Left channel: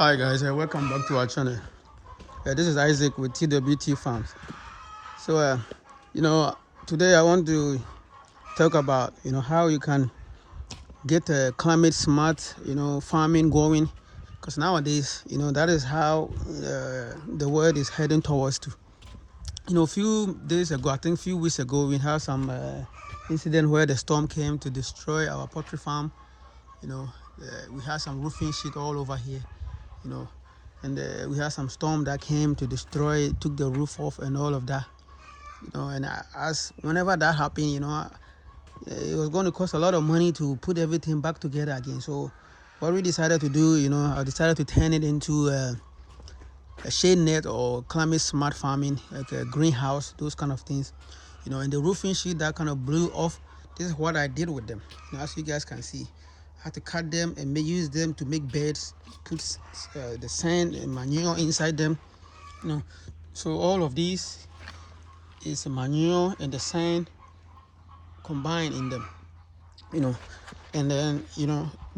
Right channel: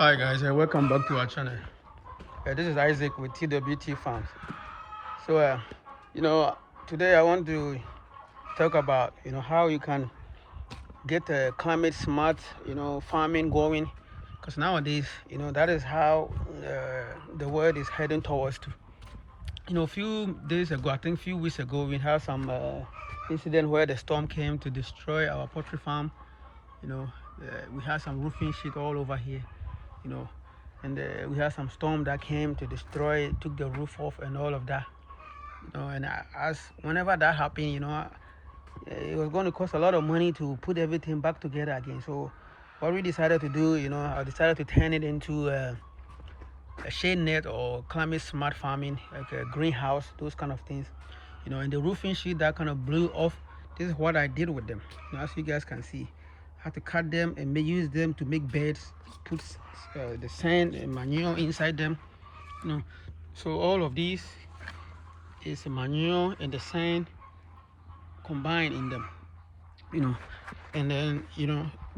Hi guys, welcome back to our channel. This is Isaac with TWT Farms. So, you know, today I want to talk about how you can get a climate smart farming going, because nowadays that is how the world is heading towards to. A few days ago, I think a few weeks ago, we had some incident where the storm came to destroy our poultry farm. We had some roofing sheet all over here. You know, and we had some storm that came to destroy, took the roof off and all of that. And as whenever that happened, it was going to cost a lot of money to put everything back together again. So what we decided to do, I decided to turn it into a shade net or climate smart farming, like a greenhouse, those kind of things. And the roofing sheet that kind of blew off, this is what I did with them. As you guys can see, I had to cut them and use them to make beds, put the sand and manure inside them. So all of these is manure and the sand combined in them. And then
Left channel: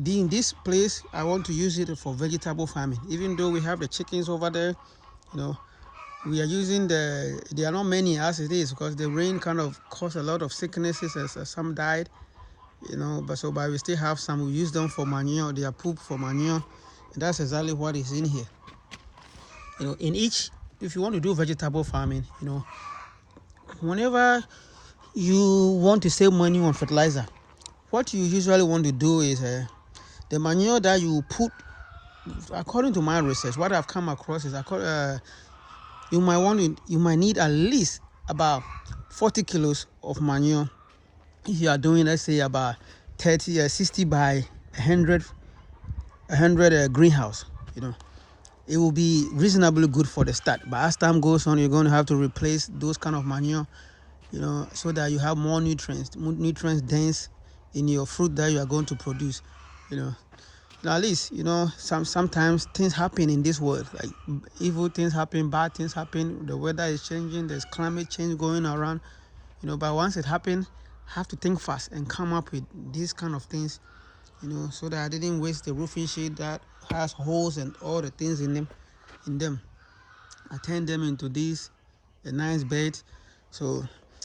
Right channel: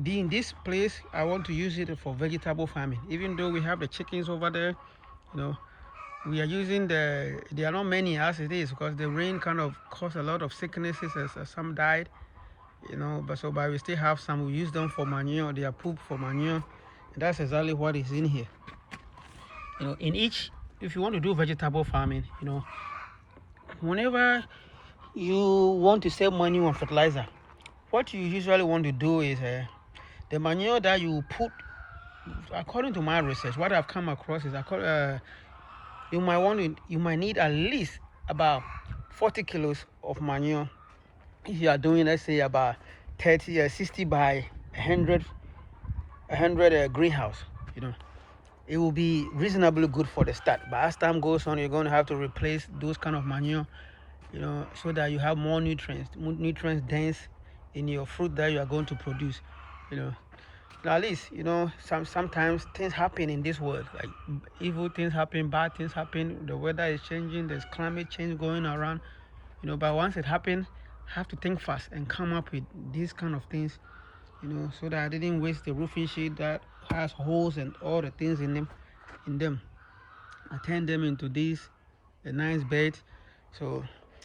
in this place I want to use it for vegetable farming. Even though we have the chickens over there, we are using there are not many as it is, because the rain kind of caused a lot of sicknesses, as some died. But we still have some. We use them for manure. They are poop for manure, and that's exactly what is in here. In each, if you want to do vegetable farming, whenever you want to save money on fertilizer, what you usually want to do is the manure that you put. According to my research, what I've come across is you might need at least about 40 kilos of manure if you are doing, let's say, about 60 by 100 greenhouse. It will be reasonably good for the start, but as time goes on, you're going to have to replace those kind of manure, so that you have more nutrients dense in your fruit that you are going to produce. Now, at least sometimes things happen in this world, like evil things happen, bad things happen, the weather is changing, there's climate change going around. But once it happens, have to think fast and come up with these kind of things, so that I didn't waste the roofing sheet that has holes and all the things in them. I turned them into these a nice bed. So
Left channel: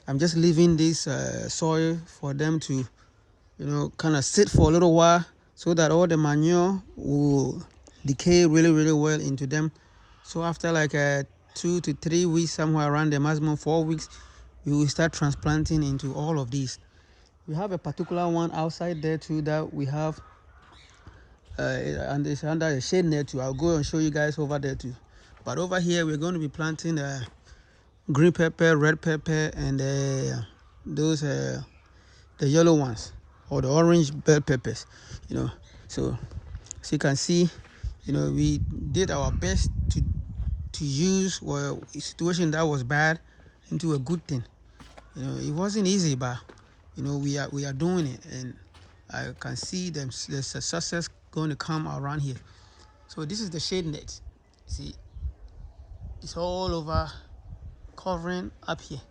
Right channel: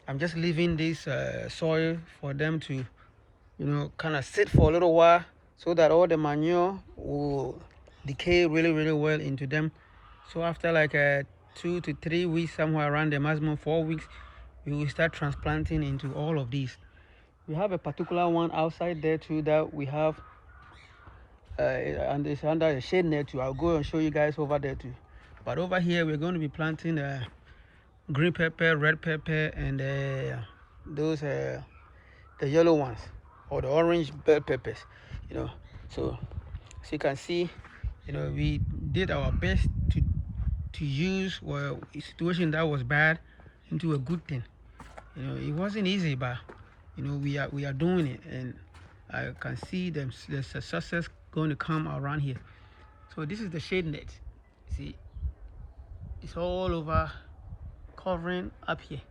I'm just leaving this soil for them to kind of sit for a little while, so that all the manure will decay really well into them. So after like 2 to 3 weeks, somewhere around the maximum 4 weeks, we will start transplanting into all of these. We have a particular one outside there too that we have, and it's under a shade net too. I'll go and show you guys over there too. But over here we're going to be planting green pepper, red pepper, and those the yellow ones, or the orange bell peppers. So as you can see, we did our best to use a situation that was bad into a good thing. It wasn't easy, but we are doing it, and I can see the success going to come around here. So this is the shade net. See, it's all over, covering up here.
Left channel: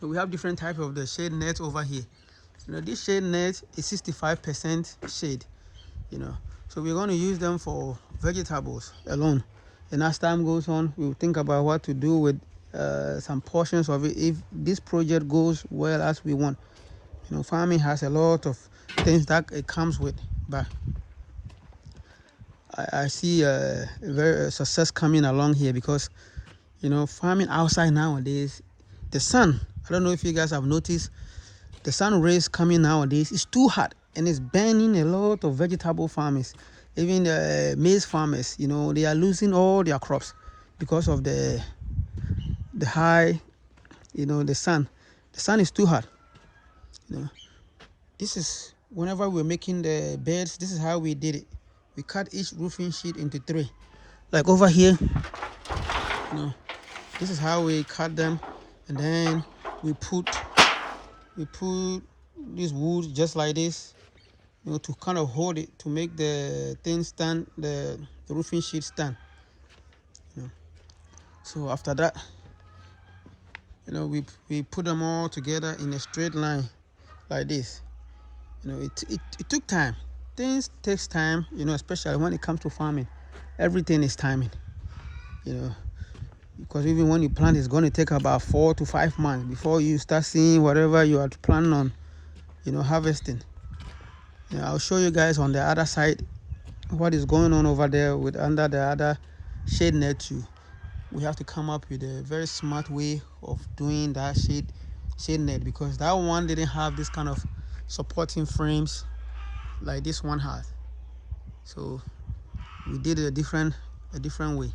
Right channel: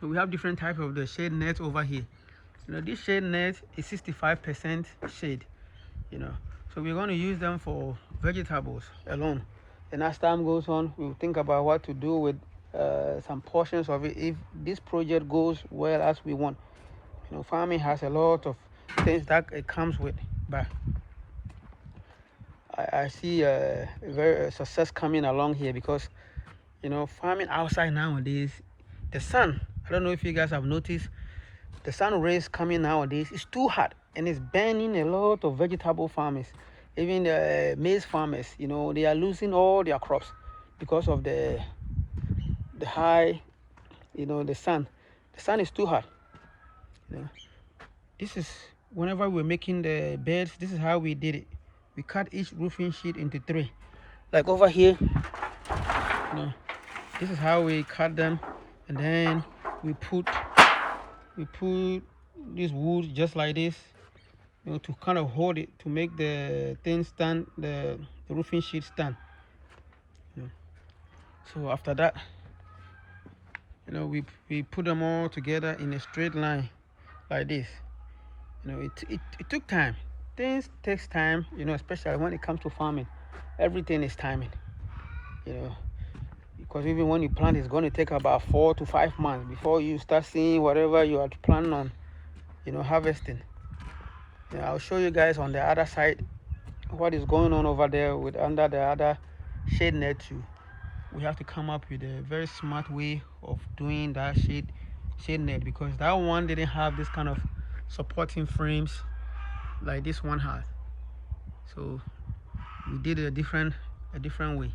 So we have different types of the shade net over here. This shade net is 65% shade. So we're going to use them for vegetables alone, and as time goes on, we'll think about what to do with some portions of it if this project goes well as we want. Farming has a lot of things that it comes with, but I see a very success coming along here, because farming outside nowadays, the sun, I don't know if you guys have noticed, the sun rays coming nowadays is too hot, and it's burning a lot of vegetable farmers. Even the maize farmers, they are losing all their crops because of the high, the sun. The sun is too hot. This is, whenever we're making the beds, this is how we did it. We cut each roofing sheet into 3. Like over here, this is how we cut them, and then we put this wood just like this, to kind of hold it, to make the thing stand, the roofing sheet stand. So after that, we put them all together in a straight line like this. It took time. things takes time, especially when it comes to farming. Everything is timing, you know, because even when you plant, it's going to take about 4 to 5 months before you start seeing whatever you are planning on, harvesting. I'll show you guys on the other side what is going on over there with under the other shade net too. We have to come up with a very smart way of doing that shade net, because that one didn't have this kind of supporting frames like this one has. So we did a different way.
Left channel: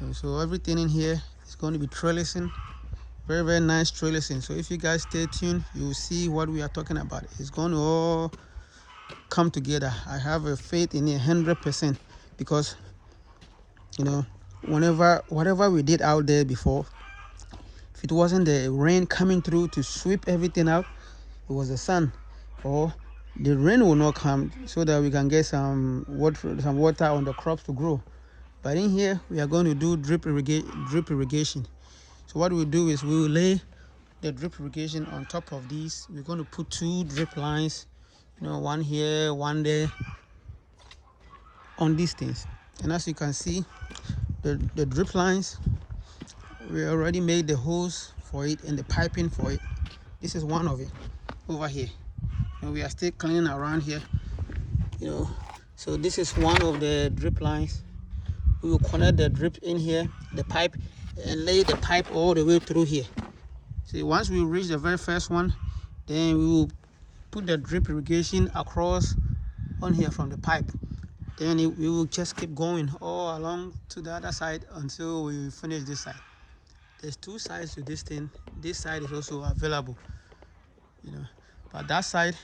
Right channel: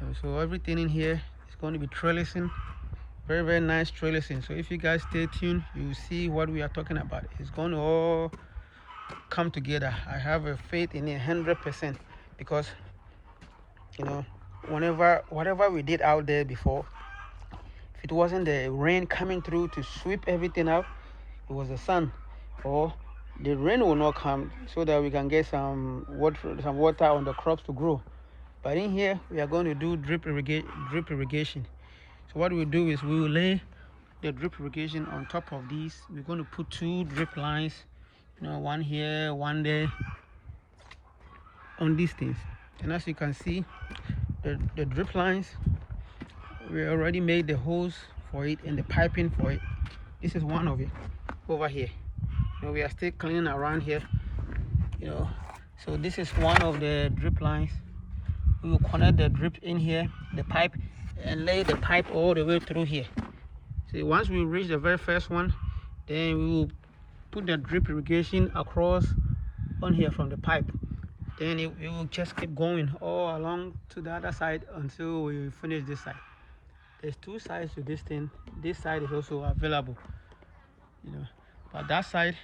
And so everything in here is going to be trellising, very very nice trellising. So if you guys stay tuned, you will see what we are talking about. It's going to all come together. I have a faith in it 100%, because whatever we did out there before, if it wasn't the rain coming through to sweep everything out, it was the sun, or the rain will not come so that we can get some water on the crops to grow. But in here we are going to do drip irrigation. So what we'll do is we will lay the drip irrigation on top of these. We're going to put 2 drip lines, one here, one there, on these things. And as you can see, the drip lines, we already made the hose for it and the piping for it. This is one of it over here. We are still cleaning around here, so this is one of the drip lines. We will connect the drip in here, the pipe, and lay the pipe all the way through here. See, once we reach the very first one, then we will put the drip irrigation across on here from the pipe. Then we will just keep going all along to the other side until we finish this side. There's 2 sides to this thing. This side is also available, but that side,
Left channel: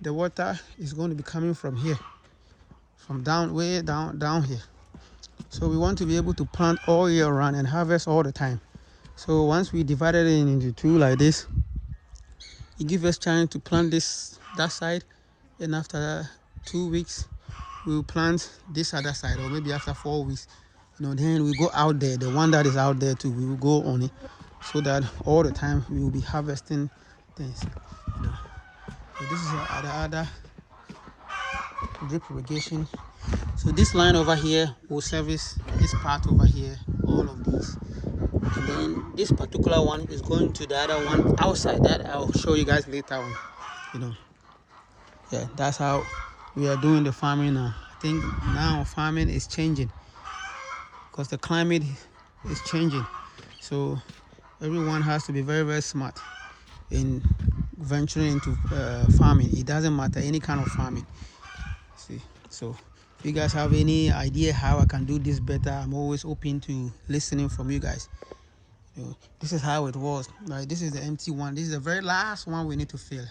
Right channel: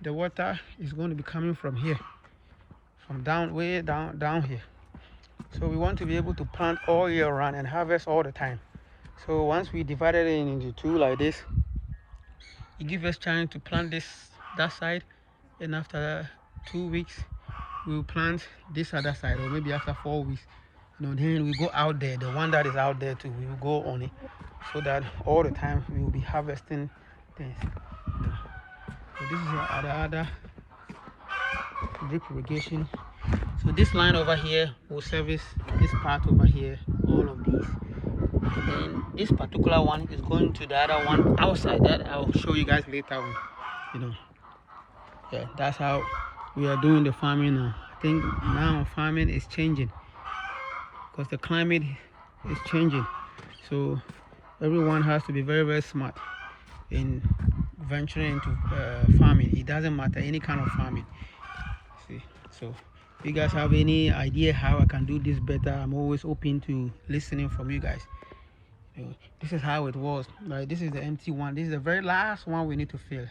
the water is going to be coming from here, from way down here. So we want to be able to plant all year round and harvest all the time. So once we divided it into 2 like this, it gives us chance to plant that side, and after 2 weeks we will plant this other side, or maybe after 4 weeks, then we go out there, the one that is out there too, we will go on it, so that all the time we will be harvesting things. So this is the other drip irrigation. So this line over here will service this part over here, all of these. And then this particular one is going to the other one outside. That I'll show you guys later on. Yeah, that's how we are doing the farming now. I think now farming is changing because the climate is changing. So everyone has to be very very smart in venturing into farming. It doesn't matter any kind of farming. See, so if you guys have any idea how I can do this better, I'm always open to listening from you guys. This is how it was. Right, this is the empty one. This is the very last one we need to fill.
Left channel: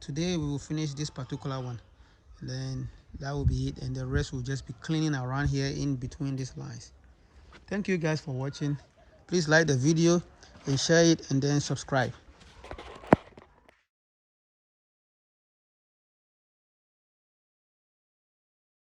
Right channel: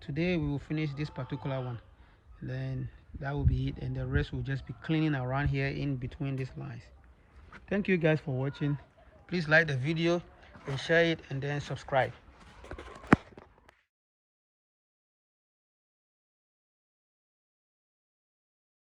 Today we will finish this particular one, and then that will be it, and the rest will just be cleaning around here in between these lines. Thank you guys for watching. Please like the video and share it, and then subscribe.